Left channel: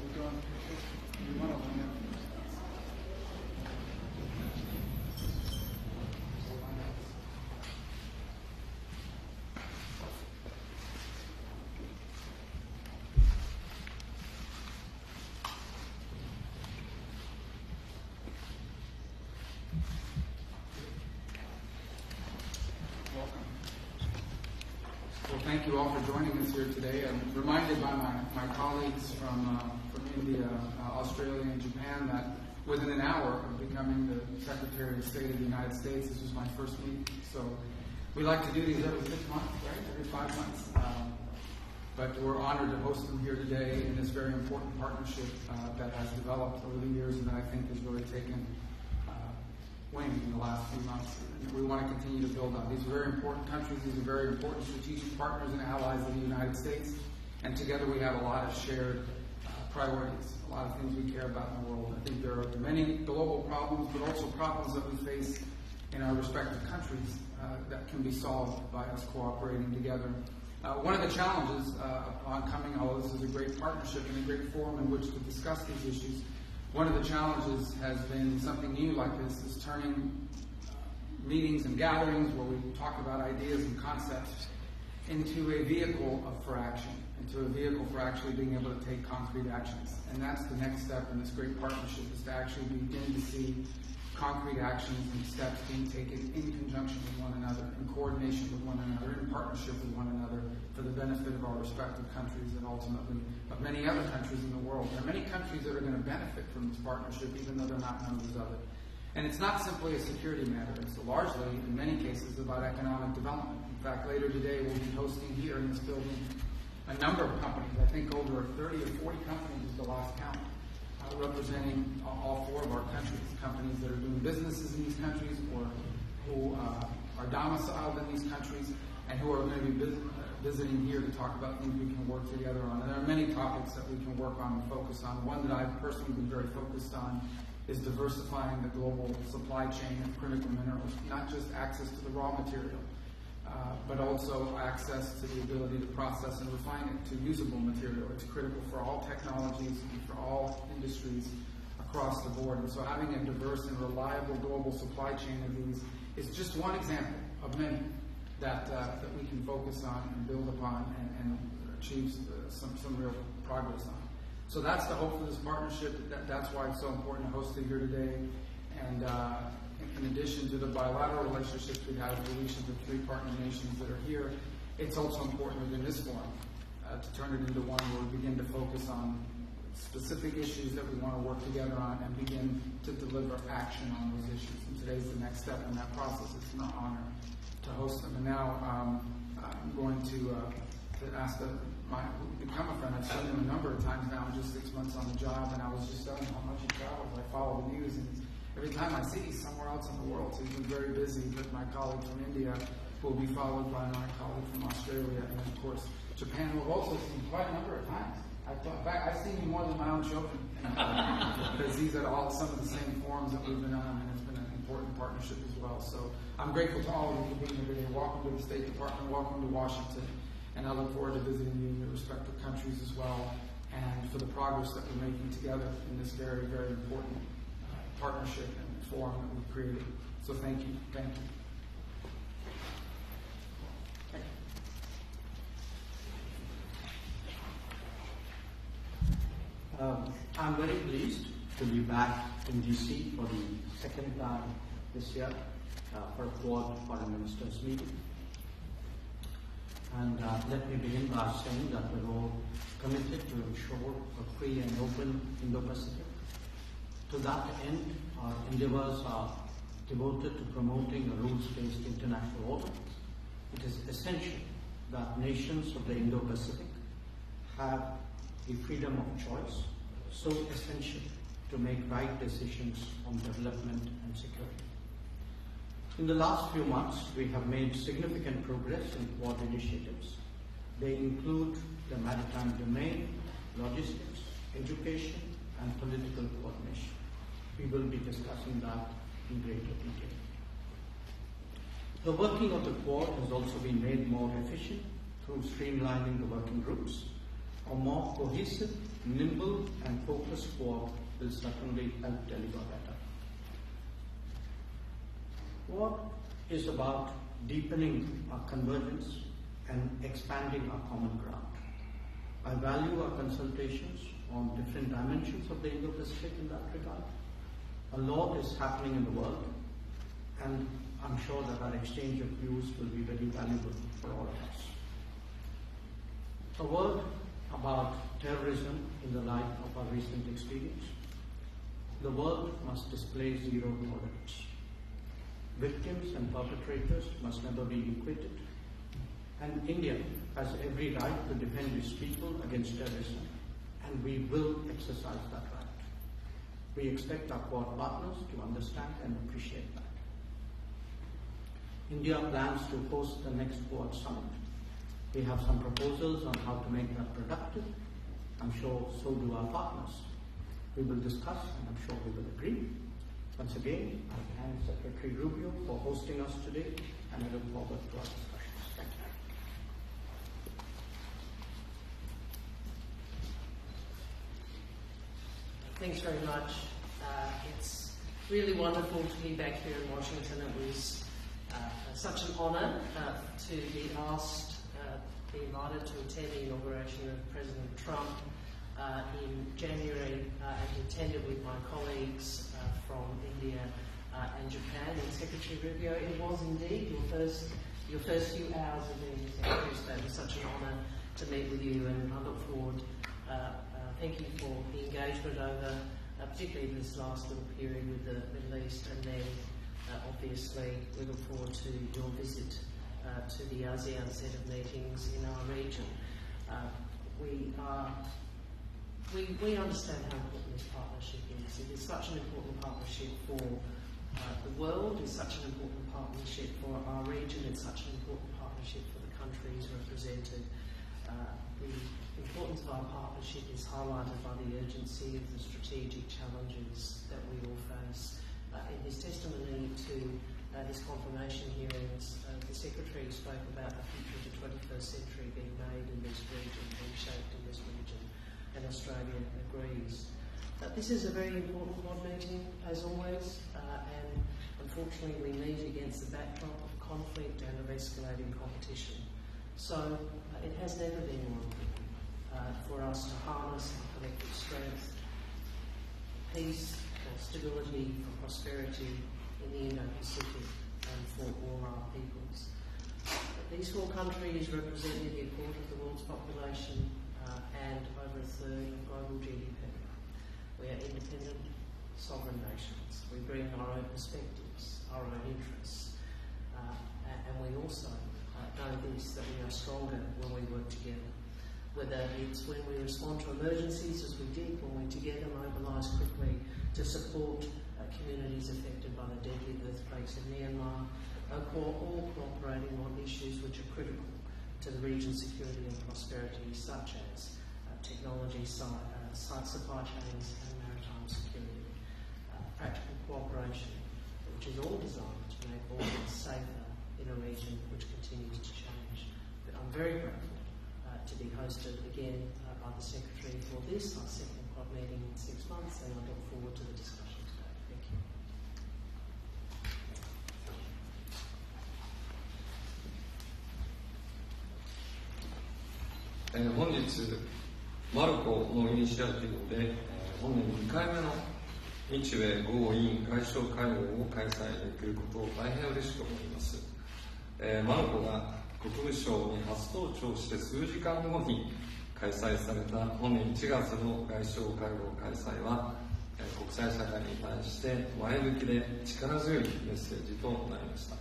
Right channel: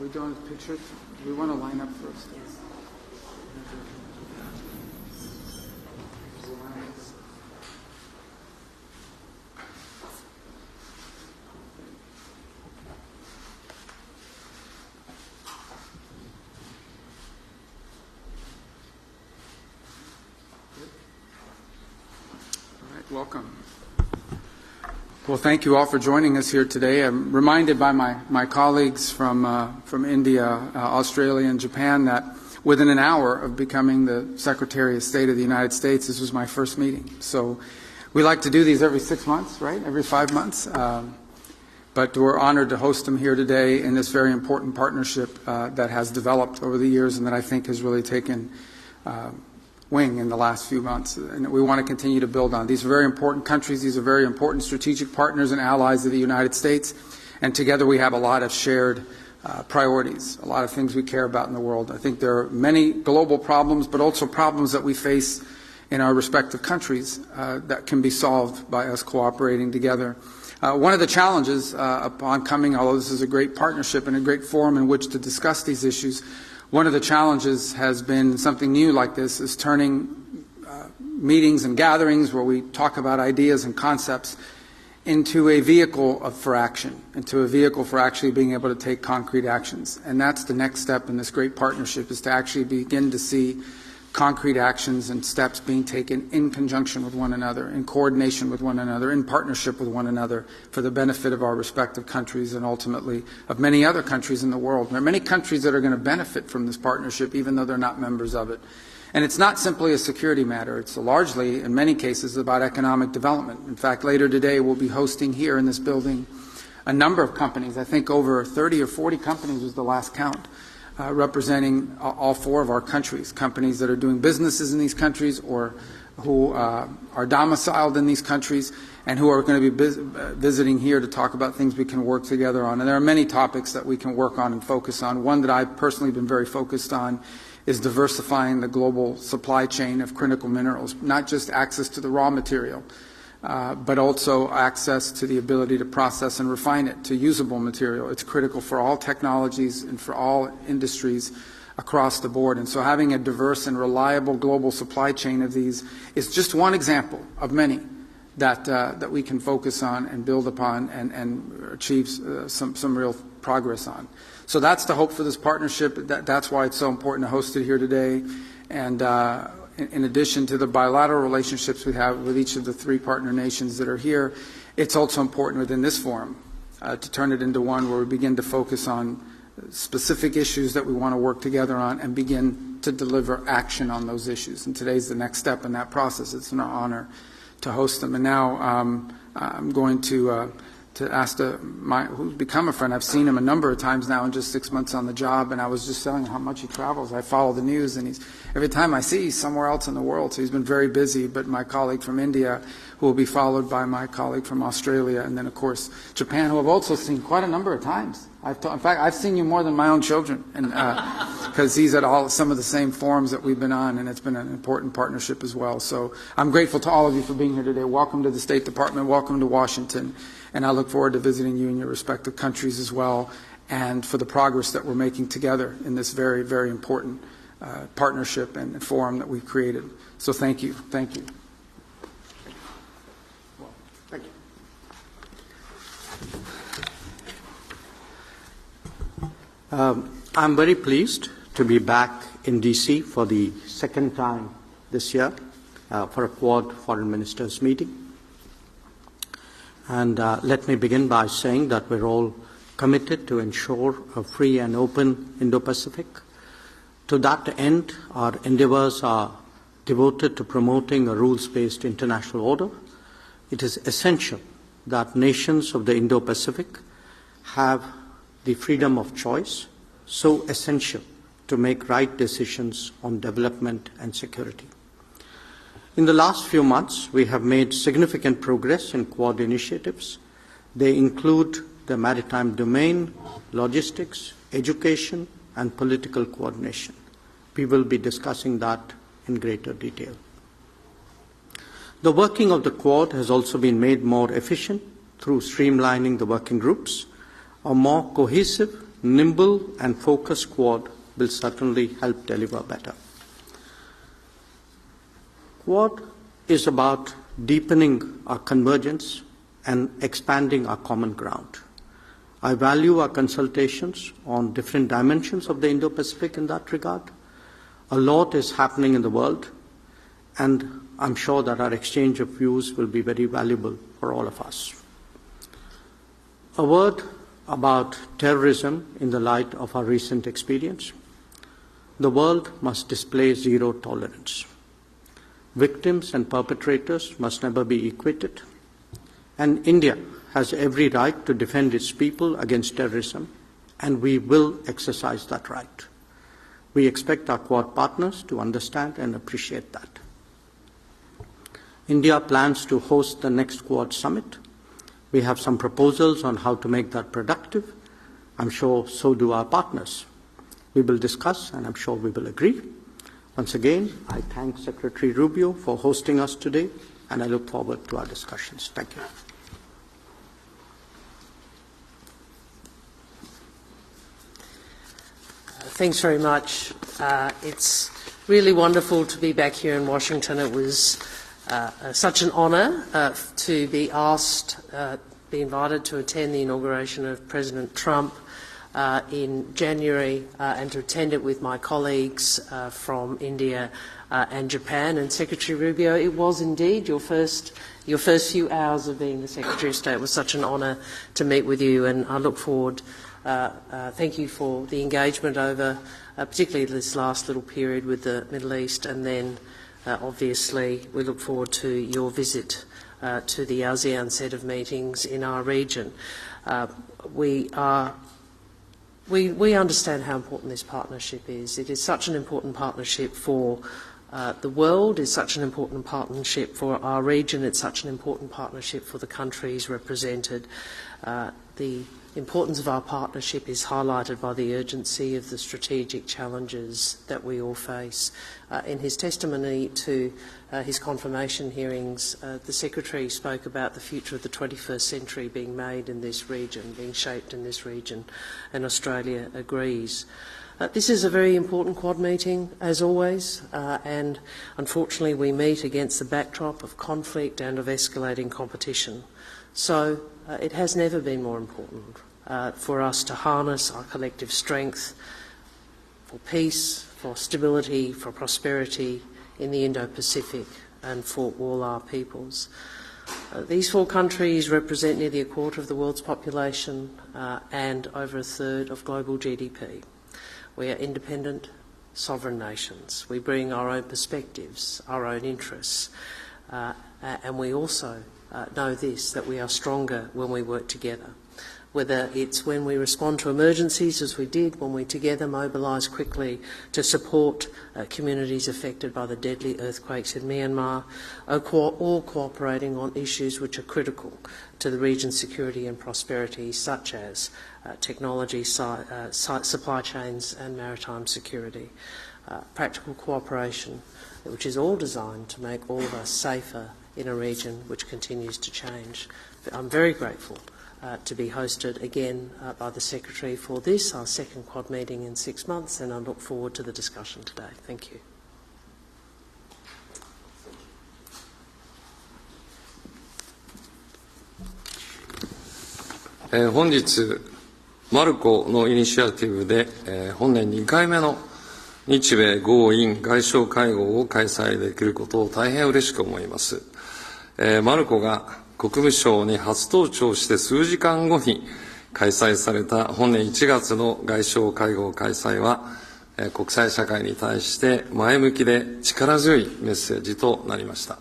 we doing pictures? We want to line up first. Welcome. Well, thank you all for joining us here today. I'm reminded by my colleagues from India, Australia, and Japan that within an hour of becoming the Secretary of State of the United States, this was my first meeting. So we like to do these every 6 months, right? Every 5 months. But we're honored to host them here today in this very important partnership that has developed over the years and that I think has really taken wing in the last few months, and we want to continue to build on. These are very important countries. These are very important strategic partners and allies of the United States, and together we have a lot of shared priorities, a lot of things we care about in the world. I think there are many global problems, but also problems that we face in our respective countries that can be solved by us cooperating together. One of the challenges upon coming, although this is a great partnership and a great forum in which to discuss these issues, one of the challenges has been something new like this, is turning meetings and gatherings where we talk about ideas and concepts into a vehicle for action, into a vehicle for actually being able to take concrete actions. And that's the next step in this great partnership, is to actually begin to see concrete actions and steps being taken in conjunction with one another, in coordination with one another, in partnership with one another for the benefit of our respective countries and ultimately of many other countries in the world. There are many countries that are going to benefit from this partnership even though they're not members of it. And it's not simply a security matter. It's largely, in many cases, about economic development. In fact, later today we'll be hosting here in this building a number of companies. I think over 30 or 40 companies was the last count. Representing all 4 of our countries, companies that are doing businesses in these countries or who are domiciled in these countries and who are going to be visiting here to talk about things we can work together on. And there are many topics that we can work on and focus on. One that I've personally been very focused on is diversifying the global supply chain of critical minerals, not just access to the raw material, but also access to the ability to process and refine it to usable material. It's critical for all technologies and for all industries across the board. And so having a diverse and reliable global supply chain of these is just one example of many that we can focus on and build upon and achieve some real progress on. So that's the hope for this partnership. That's why it's so important to host it here today. And in addition to the bilateral relationships we have with each of the 3 partner nations that are here, it's also important within this forum to turn it into one where we begin to focus on specific issues that we want to work together on and begin to deliver action on those issues. And today's the next step in that process. It's an honor to host them. And now I'm going to ask who's become a friend. I've seen him a number of times now in just 6 months on the job, and I was just telling him how much he travels. I follow the news, and every time I see he's somewhere else in the world, so he's been very busy. But my colleague from India, who will be followed by my colleague from Australia, and then, of course, Japan, who I've also seen quite a number of times. In fact, I've seen you more than my own children, and because he's at some of the same forums that we've been on, and it's been an important partnership as well. So I'm grateful to all of you for being here today. Welcome to the State Department. Welcome to Washington. And I look forward to visiting you in your respective countries as well, and for the progress that we're making together in this very, very important partnership and forum that we've created. So thank you. Thank you. Thank you. I'm very pleased to be back in D.C. for the second time this year for a Quad Foreign Ministers meeting. And let me begin by saying that we're all committed to ensure a free and open Indo-Pacific. To that end, our endeavors are devoted to promoting a rules-based international order. It is essential that nations of the Indo-Pacific have the freedom of choice, so essential to make right decisions on development and security. In the last few months, we have made significant progress in Quad initiatives. They include the maritime domain, logistics, education, and political coordination. We will be discussing that in greater detail. The working of the Quad has also been made more efficient through streamlining the working groups, a more cohesive nimble and focused Quad will certainly help deliver better. Quad is about deepening our convergence and expanding our common ground. I value our consultations on different dimensions of the Indo-Pacific in that regard. A lot is happening in the world, and I'm sure that our exchange of views will be very valuable for all of us. A word about terrorism in the light of our recent experience. The world must display zero tolerance. Victims and perpetrators must never be equated, and India has every right to defend its people against terrorism, and we will exercise that right. We expect our Quad partners to understand and appreciate that. India plans to host the next Quad summit. We have some proposals on how to make that productive. I'm sure so do our partners. We will discuss, and I'm sure we will agree. Once again, I thank Secretary Rubio for hosting us today, and I look forward to our discussions. Thank you. Thanks very much. It's really wonderful to be back here in Washington. It was such an honour to be asked, be invited to attend the inauguration of President Trump in January and to attend it with my colleagues from India and Japan. And Secretary Rubio, it was indeed your first few hours of being the Secretary of State. It was such an honour to meet with you, and I look forward. Thank you for the engagement over particularly this last little period with the Middle East, and then obviously we look forward to your visit to the ASEAN set of meetings in our region. We understand how important this partnership is. It is such an important partnership for the world, it's such an important partnership for our region, it's such an important partnership for the countries represented. The importance of our partnership is highlighted by the urgency of the strategic challenges that we all face. In his testimony to his confirmation hearings, the Secretary spoke about the future of the 21st century being made in this region, being shaped in this region, and Australia agrees. This is a very important Quad meeting, as always, and unfortunately we meet against the backdrop of conflict and of escalating competition. So it has never been more important for us to harness our collective strength for peace, for stability, for prosperity in the Indo-Pacific and for all our peoples. These four countries represent nearly a quarter of the world's population and over a third of global GDP. We are independent, sovereign nations. We bring our own perspectives, our own interests, and we also know this, that we are stronger when we work together. Whether it's when we respond to emergencies, as we did, when we together mobilise quickly to support communities affected by the deadly earthquakes in Myanmar, or cooperating on issues which are critical to the region's security and prosperity, such as technology, supply chains and maritime security. Practical cooperation, which is all designed to make all of us safer in a region which continues to change. I'm very grateful to be hosted again by the Secretary for this, our second Quad meeting in 6 months, and I look forward to the discussion today. Thank you. 本日、マルコのイニシアティブで、本年2回目の日米豪印外相会合を開催できることを大変嬉しく思います。マルコが国務省に初登庁して数時間後に開催された本年1月の外相会合開催は、国際社会に対して前向きで力強いメッセージとなりました。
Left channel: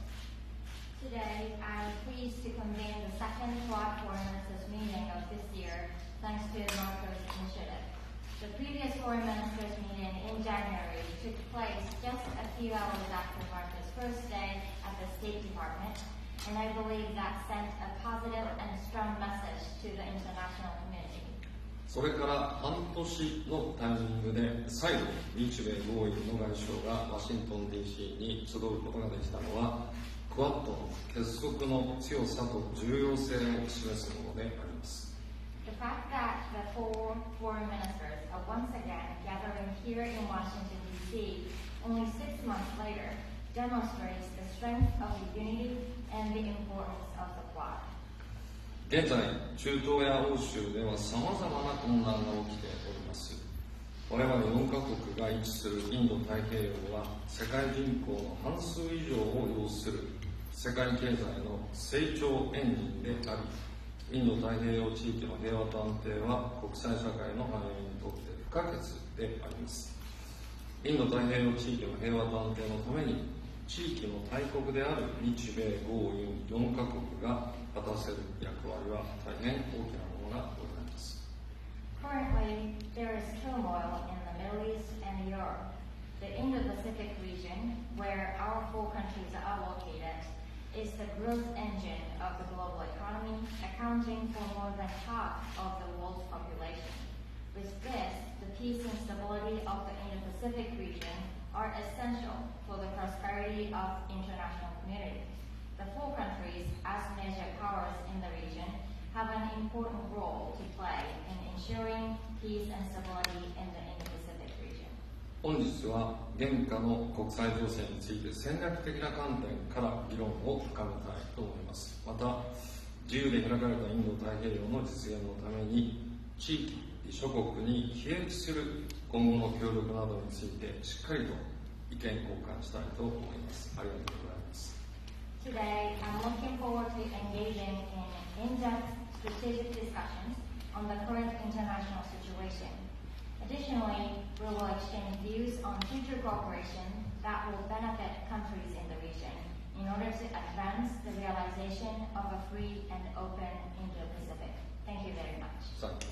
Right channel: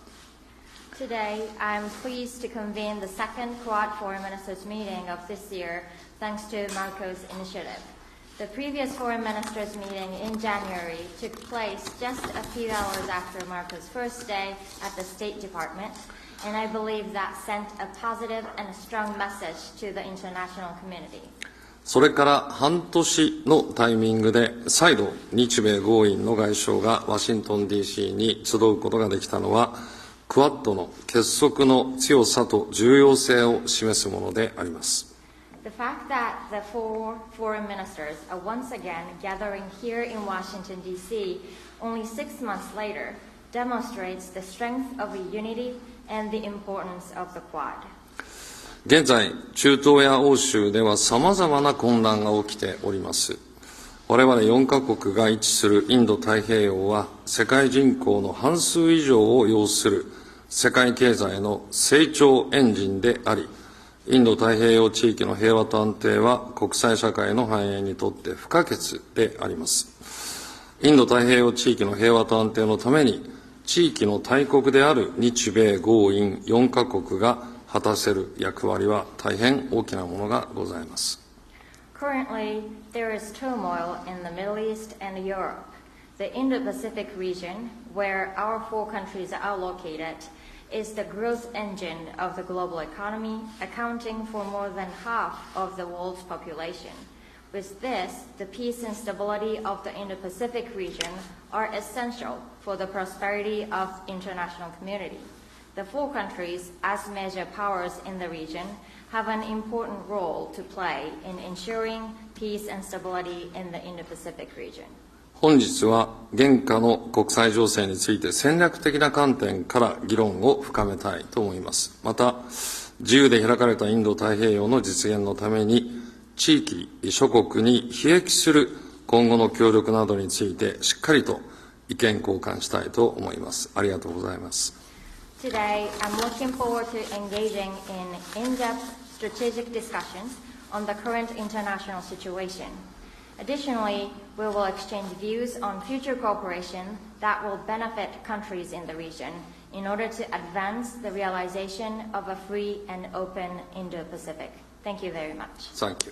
Today, I'm pleased to convene the second Quad Foreign Ministers meeting of this year, thanks to Marco's initiative. The previous Foreign Ministers meeting in January took place just a few hours after Marco's first day at the State Department, and I believe that sent a positive and strong message to the international community. それから半年のタイミングで再度日米豪印の外相がワシントン DC に集うことができたのはクワッドの結束の強さと重要性を示すものであります。The fact that the four foreign ministers are once again gathering here in Washington, D.C. only 6 months later demonstrates the strength of the unity and the importance of the Quad. 現在、中東や欧州では様々な混乱が起きております。我々4カ国が位置するインド太平洋は世界人口の半数以上を要する世界経済の成長エンジンであり、インド太平洋地域の平和と安定は国際社会の繁栄にとって不可欠であります。インド太平洋地域の平和と安定のために、地域の大国である日米豪印4カ国が果たせる役割は大変大きなものがございます。Currently, there is turmoil in the Middle East and Europe. The Indo-Pacific region, where our four countries are located, is the growth engine of the global economy, accounting for more than half of the world's population. With this, the peace and stability of the Indo-Pacific region are essential for the prosperity of international community. The four countries, as major powers in the region, have an important role to play in ensuring peace and stability in the Indo-Pacific region. 本日は現下の国際情勢について戦略的な観点から議論を深めたいと思います。また、自由で開かれたインド太平洋の実現のために、地域諸国に裨益する今後の協力などについてしっかりと意見交換したいと思います。ありがとうございます。Today, I'm looking forward to engaging in in-depth strategic discussions on the current international situation. Additionally, we will exchange views on future cooperation that will benefit countries in the region in order to advance the realization of a free and open Indo-Pacific. Thank you very much. Thank you.